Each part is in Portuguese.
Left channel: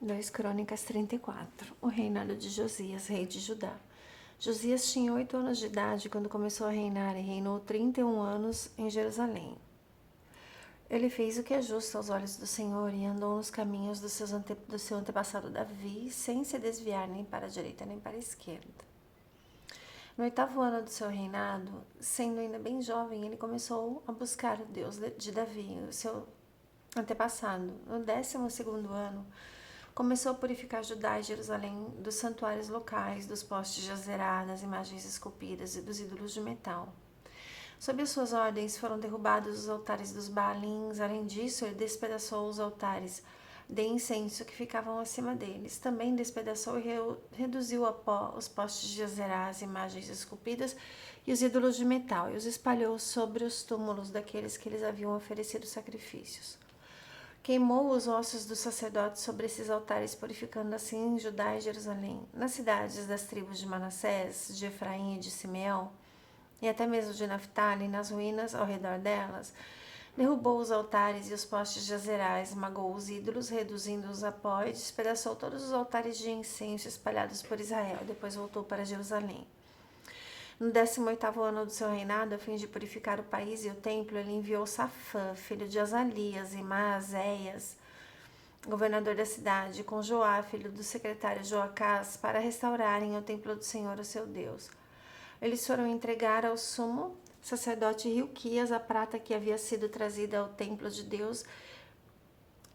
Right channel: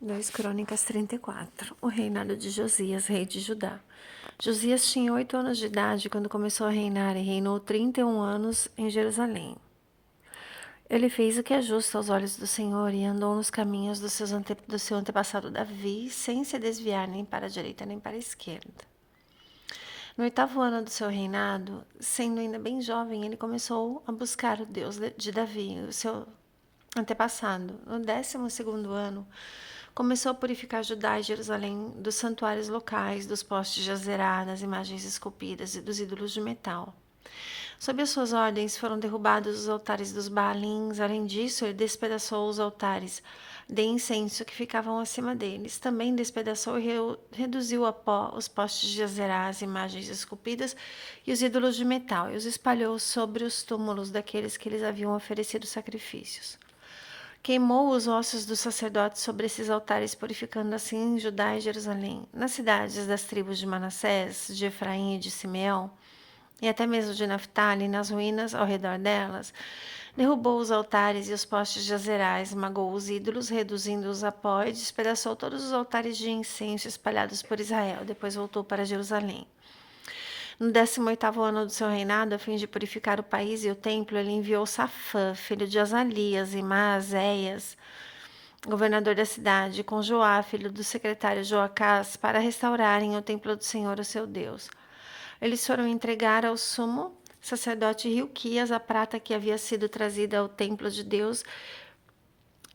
2 Crônicas 34. O reinado de Josias, rei de Judá. Josias tinha 8 anos de idade quando começou a reinar e reinou 31 anos em Jerusalém. Ele fez o que é justo aos olhos do Senhor e andou nos caminhos do seu antepassado Davi, sem se desviar nem para a direita nem para a esquerda. No 8º ano do seu reinado, sendo ainda bem jovem, ele começou a buscar o Deus de Davi, o seu antepassado. No 12º ano, começou a purificar Judá e Jerusalém dos santuários locais, dos postes de Azerá, das imagens esculpidas e dos ídolos de metal. Sob as suas ordens foram derrubados os altares dos Baalins. Além disso, ele despedaçou os altares de incenso que ficavam acima deles. Também despedaçou e reduziu a pó os postes de Azerá, as imagens esculpidas e os ídolos de metal, e os espalhou sobre os túmulos daqueles que lhes haviam oferecido sacrifícios. Queimou os ossos dos sacerdotes sobre esses altares, purificando assim Judá e Jerusalém. Nas cidades das tribos de Manassés, de Efraim e de Simeão, e até mesmo de Naphtali, nas ruínas ao redor delas, derrubou os altares e os postes de Azerá, esmagou os ídolos, reduzindo-os a pó, e despedaçou todos os altares de incenso espalhados por Israel. Depois voltou para Jerusalém. No 18º ano do seu reinado, a fim de purificar o país e o templo, ele enviou Safã, filho de Azalias, e Maazéias, governador da cidade, com Joá, filho do secretário Joacás, para restaurarem o templo do Senhor, o seu Deus. Eles foram entregar ao sumo sacerdote Hilquias a prata que havia sido trazida ao templo de Deus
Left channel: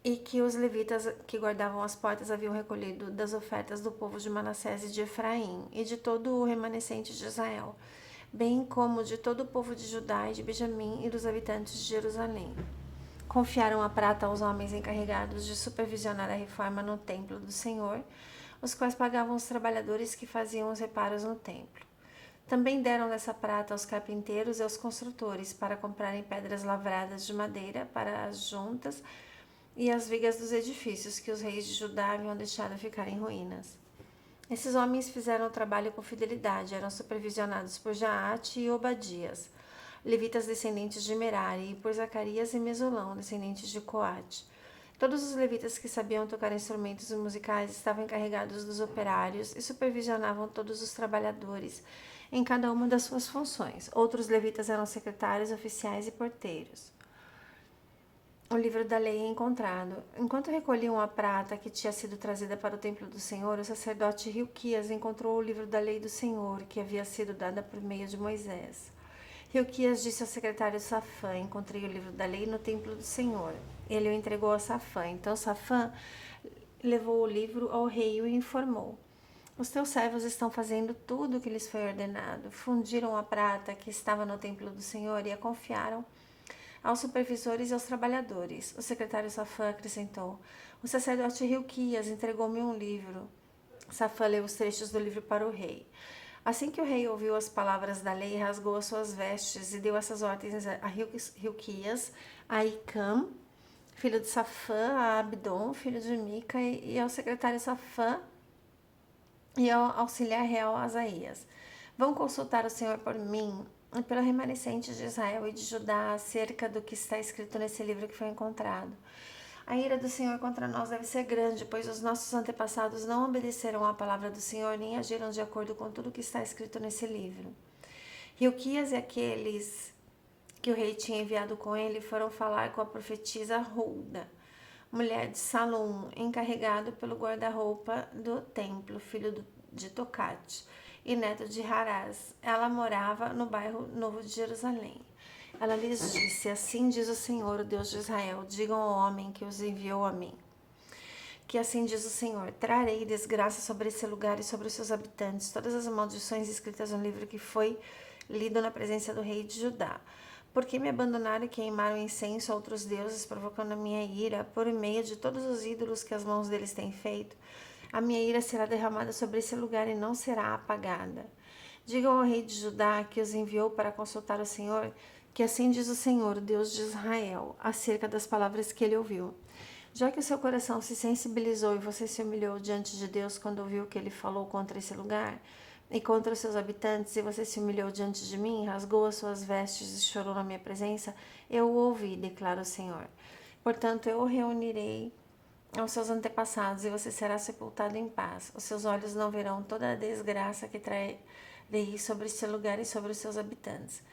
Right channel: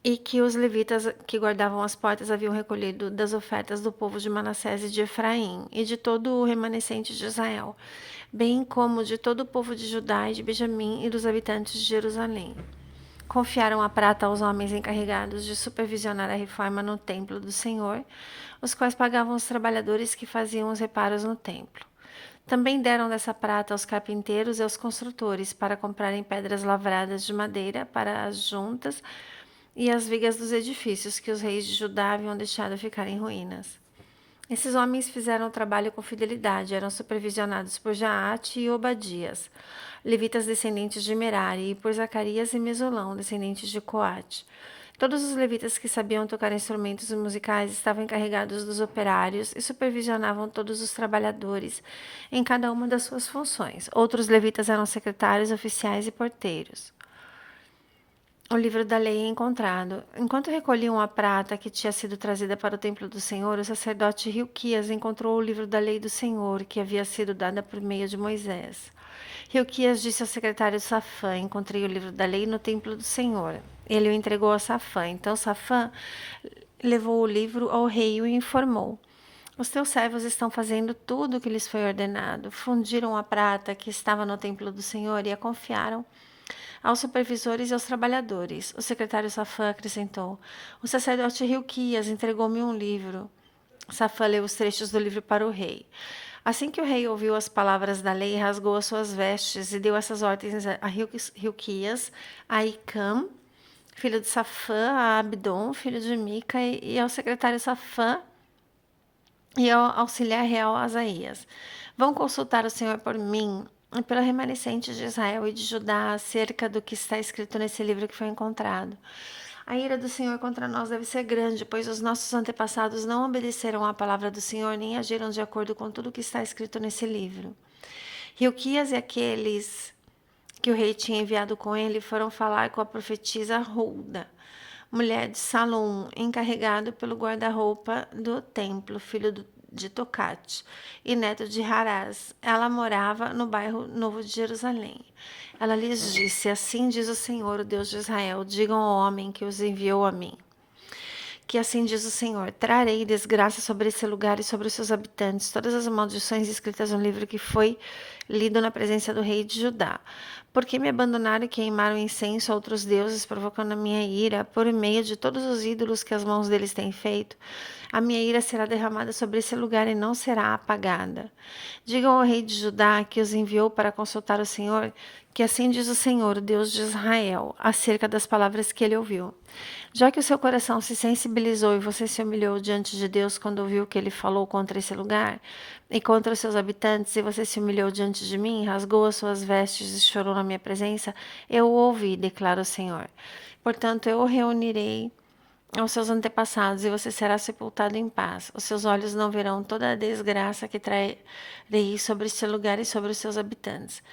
e que os levitas que guardavam as portas haviam recolhido das ofertas do povo de Manassés e de Efraim e de todo o remanescente de Israel, bem como de todo o povo de Judá e de Benjamim e dos habitantes de Jerusalém. Confiaram a prata aos homens encarregados de supervisionar a reforma no templo do Senhor, os quais pagavam os trabalhadores que faziam os reparos no templo. Também deram dessa prata aos carpinteiros e aos construtores para comprarem pedras lavradas de madeira para as juntas e as vigas dos edifícios que os reis de Judá haviam deixado ficar em ruínas. Esses homens fizeram o trabalho com fidelidade, eram supervisionados por Jaate e Obadias, levitas descendentes de Merari, e por Zacarias e Mesulão, descendentes de Coate. Todos os levitas que sabiam tocar instrumentos musicais estavam encarregados dos operários e supervisionavam todos os trabalhadores em cada uma das suas funções. Outros levitas eram secretários, oficiais e porteiros. O livro da lei é encontrado. Enquanto recolhiam a prata que tinha sido trazida para o templo do Senhor, o sacerdote Hilquias encontrou o livro da lei do Senhor, que havia sido dada por meio de Moisés. Hilquias disse ao secretário Safã: encontrei o livro da lei no templo do Senhor. Ele o entregou a Safã. Então Safã levou o livro ao rei e o informou: os teus servos estão fazendo tudo o que lhes foi ordenado. Fundiram a prata que estava no templo do Senhor e a confiaram aos supervisores e aos trabalhadores. O secretário Safã acrescentou: o sacerdote Hilquias entregou-me um livro. Safã leu os trechos do livro para o rei. Assim que o rei ouviu as palavras da lei, rasgou as suas vestes e deu essas ordens a Hilquias, a Icam, filho de Safã, a Abdon, filho de Mica, e ao secretário Safã e ao auxiliar real Asaías: vão consultar o Senhor por mim e pelo remanescente de Israel e de Judá acerca do que está escrito nesse livro que foi encontrado. A ira do Senhor contra nós deve ser grande, pois os nossos antepassados não obedeceram à palavra do Senhor, nem agiram de acordo com tudo o que está escrito nesse livro. Hilquias e aqueles que o rei tinha enviado com ele foram falar com a profetisa Hulda, mulher de Salom, encarregado pelo guarda-roupa do templo, filho de Tocate e neto de Harás. Ela morava no bairro Novo de Jerusalém. Ela lhes disse: assim diz o Senhor, o Deus de Israel, digam ao homem que os enviou a mim, que assim diz o Senhor: trarei desgraça sobre esse lugar e sobre os seus habitantes, todas as maldições escritas no livro que foi lido na presença do rei de Judá. Porque me abandonaram e queimaram incenso a outros deuses, provocando a minha ira, por meio de todos os ídolos que as mãos deles têm feito, a minha ira será derramada sobre esse lugar e não será apagada. Digam ao rei de Judá, que os enviou para consultar o Senhor, que assim diz o Senhor, o Deus de Israel, acerca das palavras que ele ouviu. Já que o seu coração se sensibilizou e você se humilhou diante de Deus quando ouviu que ele falou contra esse lugar e contra os seus habitantes, e você se humilhou diante de mim, rasgou as suas vestes e chorou na minha presença, eu o ouvi, declara o Senhor. Portanto, eu o reunirei aos seus antepassados, e você será sepultado em paz. Os seus olhos não verão toda a desgraça que trarei sobre este lugar e sobre os seus habitantes.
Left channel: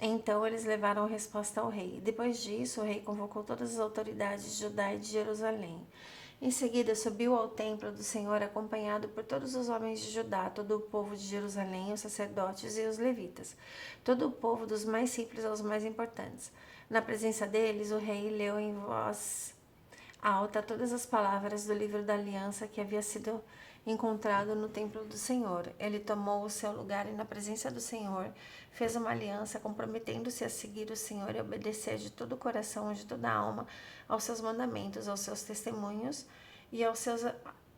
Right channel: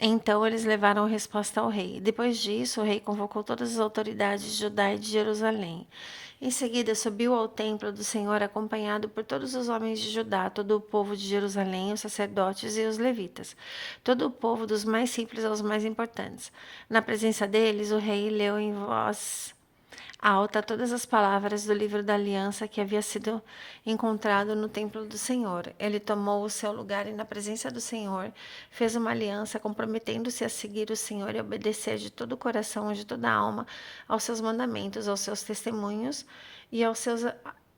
Então eles levaram resposta ao rei. Depois disso, o rei convocou todas as autoridades de Judá e de Jerusalém. Em seguida, subiu ao templo do Senhor, acompanhado por todos os homens de Judá, todo o povo de Jerusalém, os sacerdotes e os levitas, todo o povo, dos mais simples aos mais importantes. Na presença deles, o rei leu em voz alta todas as palavras do livro da aliança que havia sido encontrado no templo do Senhor. Ele tomou o seu lugar e, na presença do Senhor, fez uma aliança, comprometendo-se a seguir o Senhor e obedecer de todo o coração e de toda a alma aos seus mandamentos, aos seus testemunhos e aos seus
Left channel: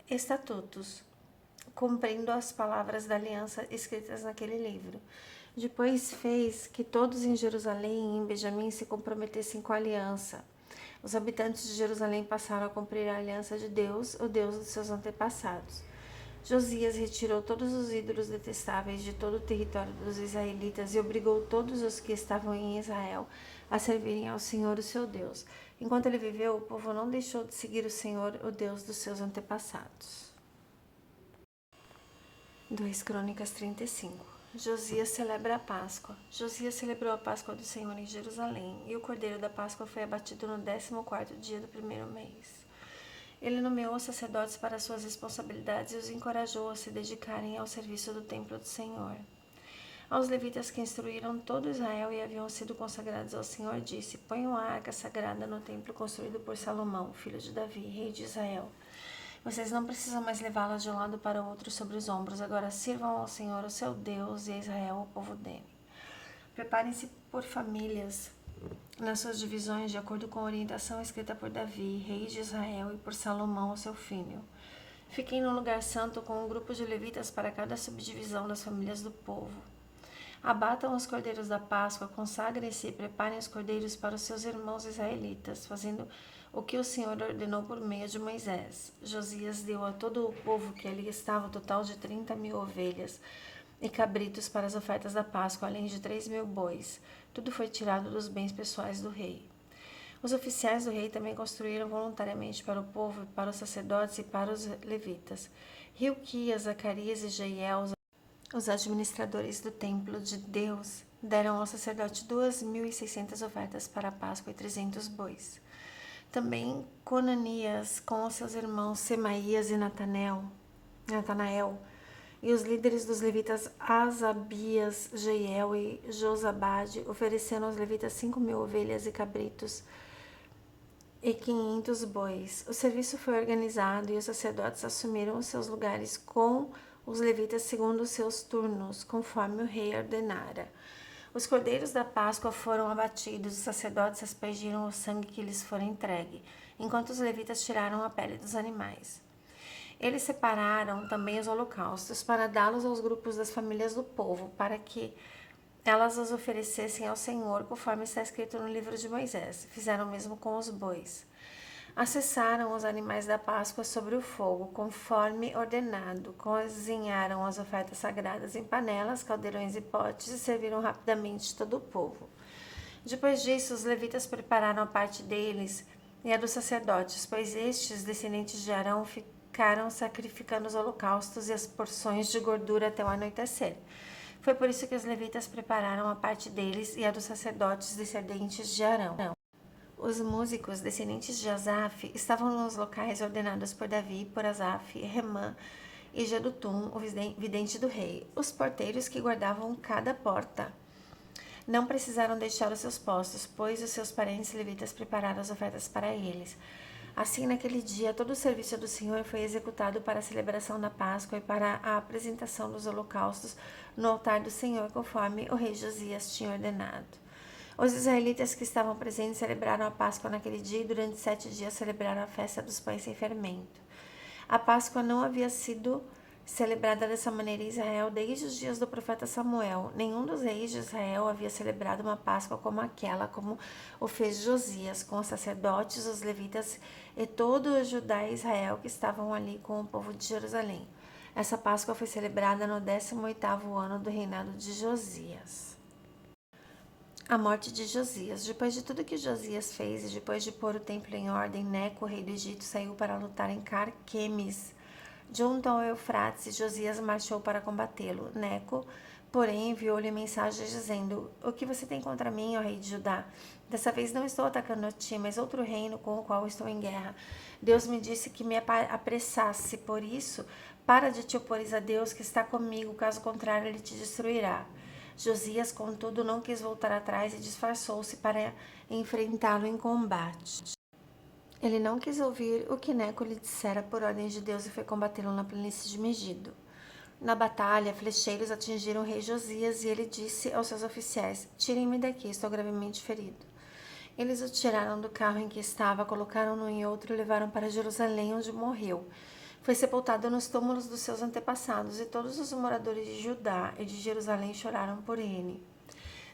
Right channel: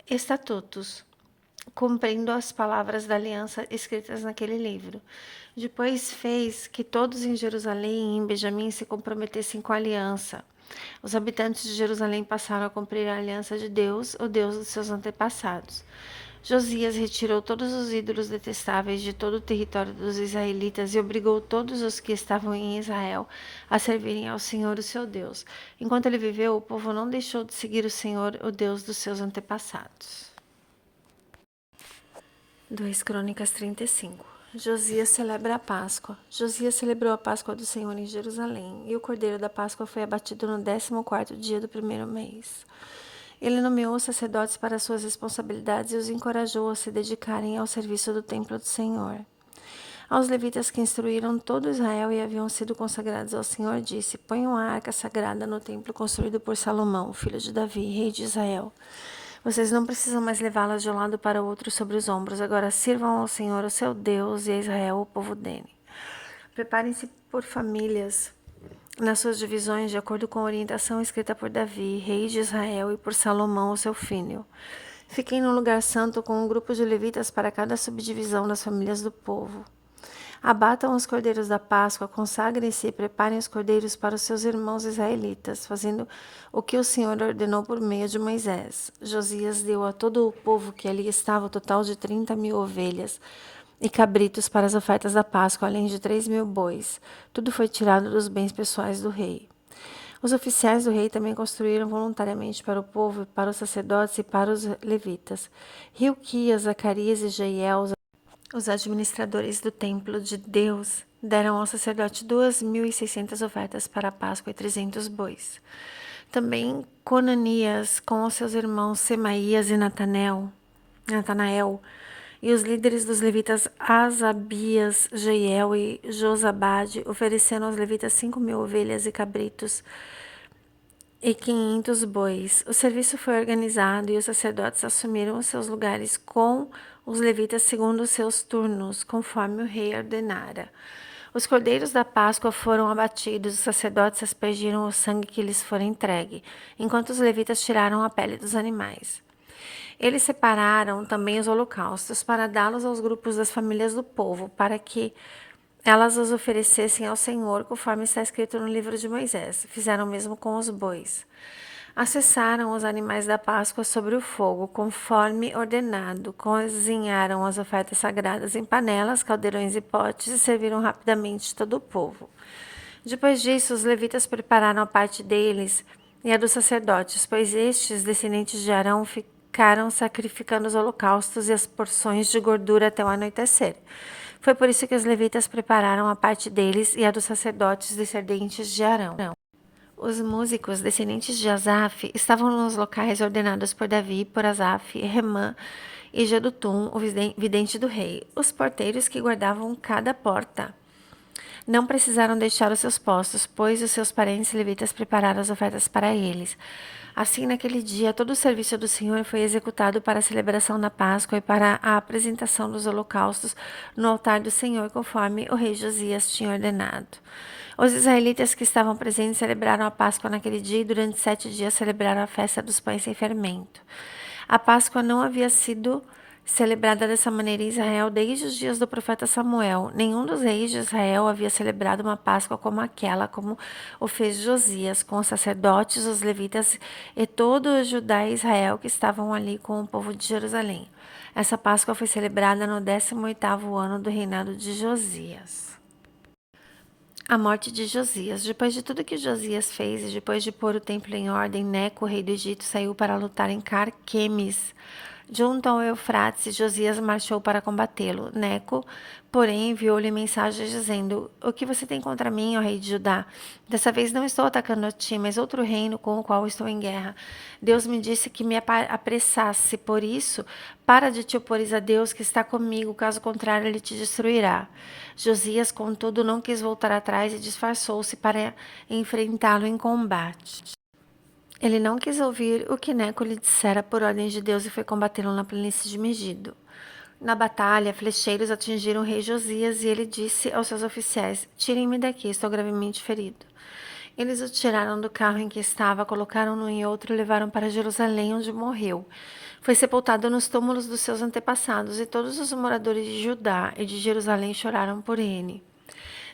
estatutos, cumprindo as palavras da aliança escritas naquele livro. Depois fez que todos em Jerusalém e em Benjamim se comprometessem com a aliança. Os habitantes de Jerusalém passaram a cumprir a aliança de Deus, o Deus dos seus antepassados. Josias retirou todos os ídolos detestáveis de todo o território dos israelitas e obrigou todos os que estavam em Israel a servirem ao Senhor, o seu Deus. Enquanto ele viveu, o povo não deixou de seguir o Senhor, o Deus dos seus antepassados. 2 Crônicas 35. Josias celebra a Páscoa. Josias celebrou a Páscoa do Senhor em Jerusalém, e o cordeiro da Páscoa foi abatido no 14º dia do primeiro mês. Ele nomeou os sacerdotes para suas responsabilidades e os encorajou a se dedicarem ao serviço do templo do Senhor. Aos levitas que instruíram todo Israel e haviam sido consagrados ao Senhor, disse: Ponham a arca sagrada no templo construído por Salomão, filho de Davi, rei de Israel. Vocês não precisam mais levá-las de um lado para o outro sobre os ombros. Agora sirvam ao Senhor, o seu Deus, e a Israel, o povo dele. Preparem-se por famílias nas suas divisões, de acordo com a orientação escrita por Davi, rei de Israel, e por Salomão, o seu filho. Fiquem num lugar santo com um grupo de levitas para cada subdivisão das famílias do povo. Abatam os cordeiros da Páscoa, consagrem-se e preparem os cordeiros para os seus irmãos israelitas, fazendo o que o Senhor ordenou por meio de Moisés. Josias deu a todo o povo que ali estava o total de 30.000 ovelhas e cabritos para as ofertas da Páscoa, além de 3.000 bois. Tudo foi tirado dos bens pessoais do rei. Os oficiais do rei também construíram voluntariamente para o povo, para os sacerdotes e para os levitas. Hilquias, Zacarias e Jeiel, os administradores do templo de Deus, deram ao sacerdote 2.600 ofertas para a Páscoa e 300 bois. Também Conanias, com os seus irmãos Semaías e Natanael, e os líderes dos levitas Asabias, Jeiel e Josabade, ofereceram aos levitas 5.000 ovelhas e cabritos e 500 bois. O serviço foi organizado e os sacerdotes assumiram os seus lugares com os levitas segundo os seus turnos, conforme o rei ordenara. Os cordeiros da Páscoa foram abatidos, os sacerdotes aspergiram o sangue que lhes fora entregue, enquanto os levitas tiraram a pele dos animais. Eles separaram também os holocaustos para dá-los aos grupos das famílias do povo, para que elas os oferecessem ao Senhor, conforme está escrito no livro de Moisés. Fizeram o mesmo com os bois. Acessaram os animais da Páscoa sobre o fogo, conforme ordenado. Cozinharam as ofertas sagradas em panelas, caldeirões e potes e serviram rapidamente todo o povo. Depois disso, os levitas prepararam a parte deles e a dos sacerdotes, pois estes, descendentes de Arão, ficaram sacrificando os holocaustos e as porções de gordura até o anoitecer. Foi por isso que os levitas prepararam a parte deles e a dos sacerdotes, descendentes de Arão. Os músicos, descendentes de Asaf, estavam nos locais ordenados por Davi, por Asaf, Remã e Jedutum, o vidente do rei, os porteiros que guardavam cada porta. Não precisaram deixar os seus postos, pois os seus parentes levitas prepararam as ofertas para eles. Assim, naquele dia, todo o serviço do Senhor foi executado para a celebração da Páscoa e para a apresentação dos holocaustos no altar do Senhor, conforme o rei Josias tinha ordenado. Os israelitas que estavam presentes celebraram a Páscoa naquele dia e durante 7 dias celebraram a festa dos pães sem fermento. A Páscoa não havia sido celebrada dessa maneira em Israel desde os dias do profeta Samuel. Nenhum dos reis de Israel havia celebrado uma Páscoa como aquela, como o fez Josias, com os sacerdotes, os levitas e todo o Judá e Israel que estavam ali com o povo de Jerusalém. Essa Páscoa foi celebrada no 18º ano do reinado de Josias. A morte de Josias. Depois de tudo que Josias fez e depois de pôr o templo em ordem, Neco, rei do Egito, saiu para lutar em Carquemes, junto ao Eufrates. Josias marchou para combatê-lo. Neco, porém, enviou-lhe mensagem dizendo: O que você tem contra mim, ó rei de Judá? Dessa vez não estou atacando a ti, mas outro reino com o qual estou em guerra. Deus me disse que me apressasse, por isso, para de te opores a Deus que está comigo, caso contrário, ele te destruirá. Josias, contudo, não quis voltar atrás e disfarçou-se para enfrentá-lo em combate. Ele não quis ouvir o que Neco lhe dissera por ordem de Deus e foi combatê-lo na planície de Megido. Na batalha, flecheiros atingiram o rei Josias e ele disse aos seus oficiais: Tirem-me daqui, estou gravemente ferido. Eles o tiraram do carro em que estava, colocaram-no em outro e levaram para Jerusalém, onde morreu. Foi sepultado nos túmulos dos seus antepassados, e todos os moradores de Judá e de Jerusalém choraram por ele.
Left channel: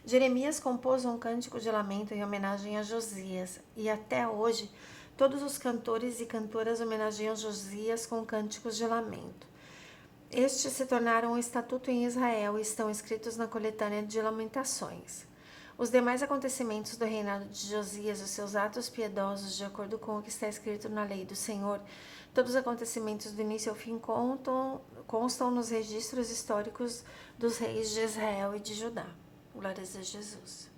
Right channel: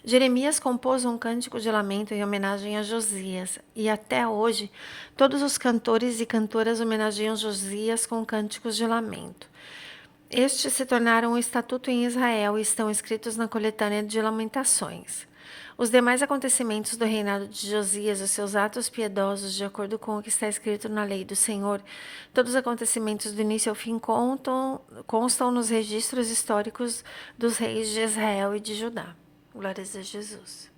Jeremias compôs um cântico de lamento em homenagem a Josias, e até hoje todos os cantores e cantoras homenageiam Josias com cânticos de lamento. Estes se tornaram um estatuto em Israel e estão escritos na coletânea de Lamentações. Os demais acontecimentos do reinado de Josias, os seus atos piedosos, de acordo com o que está escrito na lei do Senhor, todos os acontecimentos do início ao fim constam nos registros históricos dos reis de Israel e de Judá. Glórias a Jesus.